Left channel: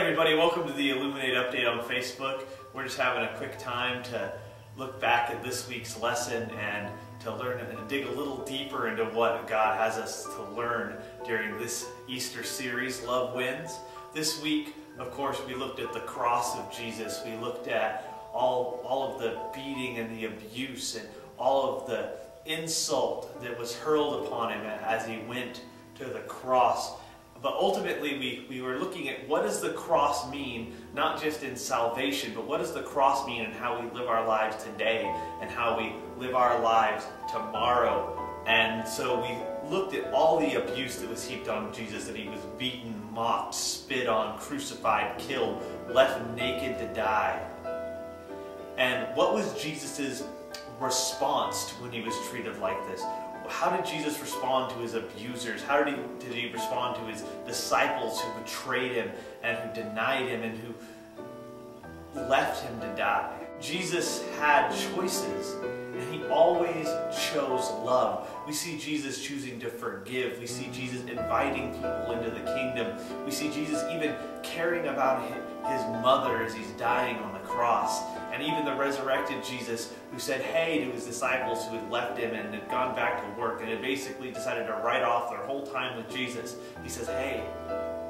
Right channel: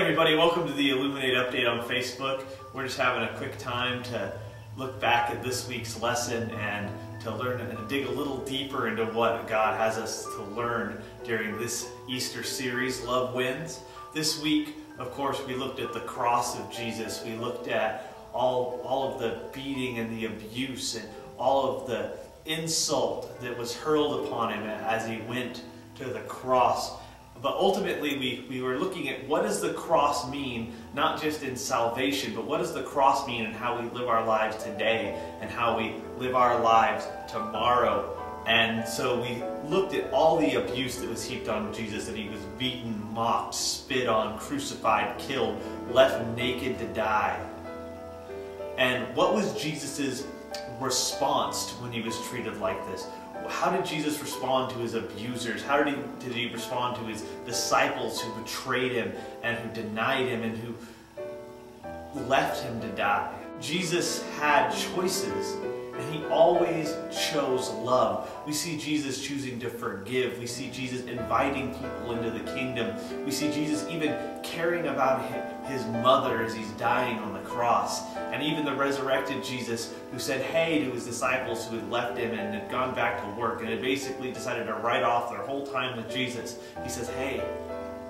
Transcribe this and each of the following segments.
everybody, welcome to the Illuminate Update on Facebook. We're just having a quick time to look back at this week's lesson and to learn and dig a little deeper into what God has us to learn during this Easter series, Love Wins. This week, of course, we looked at the cross of Jesus. We looked at all of the beating and the abuse and all of the insult that was hurled upon him as he went to the cross. But ultimately, we were looking at what does the cross mean, not just in salvation, but what does the cross mean in how we live our lives today and how we live our lives tomorrow. And so we looked at all the abuse that was heaped on Jesus, that he was beaten, mocked, spit on, crucified, killed, left naked to die. And what was Jesus's response when he was treated like this? How did Jesus respond to his abusers? How did he respond to his disciples who betrayed him and who denied him and who left him to die? Jesus had choices, and he always chose love. We see Jesus choosing to forgive. We see Jesus inviting people into the kingdom. We see Jesus even caring about his mother as he's dying on the cross. And even the resurrected Jesus who said hey to his disciples who had left him and had gone back to work and had basically decided to write off their whole time with Jesus. He says, hey,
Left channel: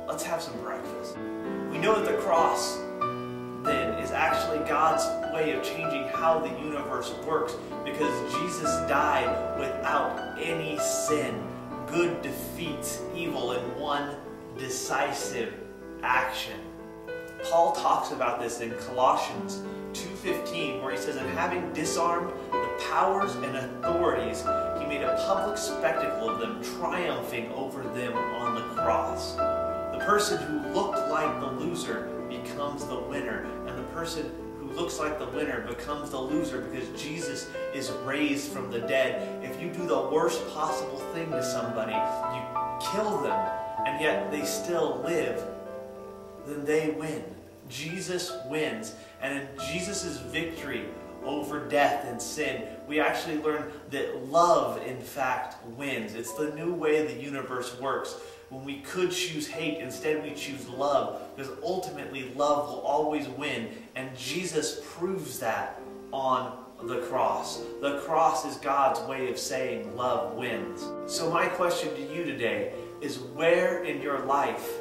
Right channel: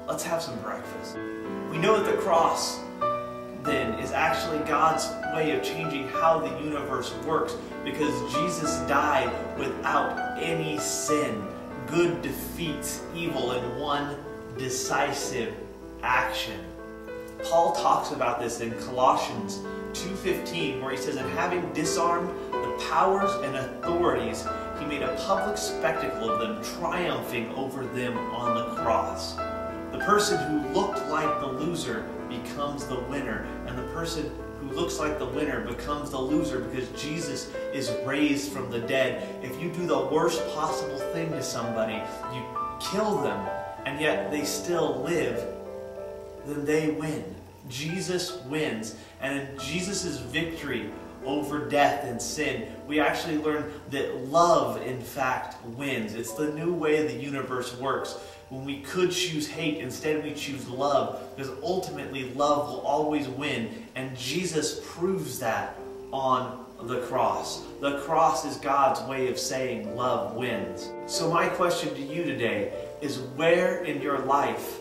let's have some breakfast. We know that the cross then is actually God's way of changing how the universe works, because Jesus died without any sin. Good defeats evil in one decisive action. Paul talks about this in Colossians 2:15, where he says, and having disarmed the powers and authorities, he made a public spectacle of them, triumphing over them on the cross. The person who looked like the loser becomes the winner, and the person who looks like the winner becomes the loser, because Jesus is raised from the dead. If you do the worst possible thing to somebody, you kill them, and yet they still live, then they win. Jesus wins, and in Jesus' victory over death and sin, we actually learn that love, in fact, wins. It's the new way the universe works. When we could choose hate, instead we choose love, because ultimately love will always win, and Jesus proves that on the cross. The cross is God's way of saying love wins. So my question to you today is, where in your life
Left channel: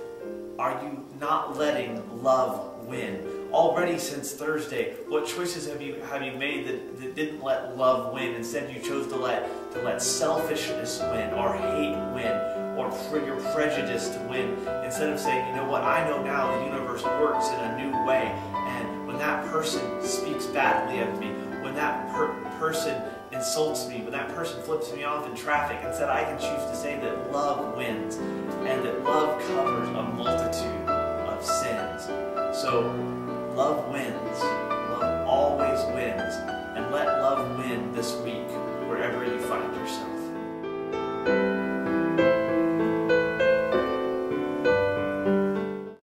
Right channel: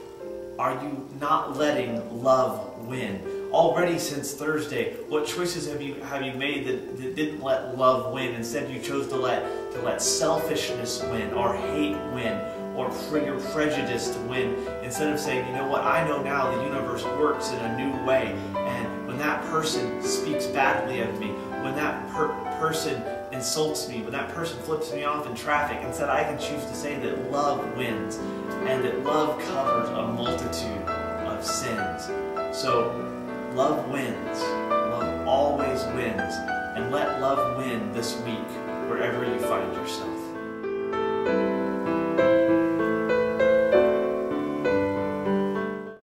are you not letting love win? Already since Thursday, what choices have you made that didn't let love win? Instead, you chose to let selfishness win, or hate win, or your prejudice to win, instead of saying, you know what, I know now the universe works in a new way, and when that person speaks badly of me, when that person insults me, when that person flips me off in traffic, instead I can choose to say that love wins, and that love covers a multitude of sins. So love wins. Love always wins. And let love win this week, wherever you find yourself.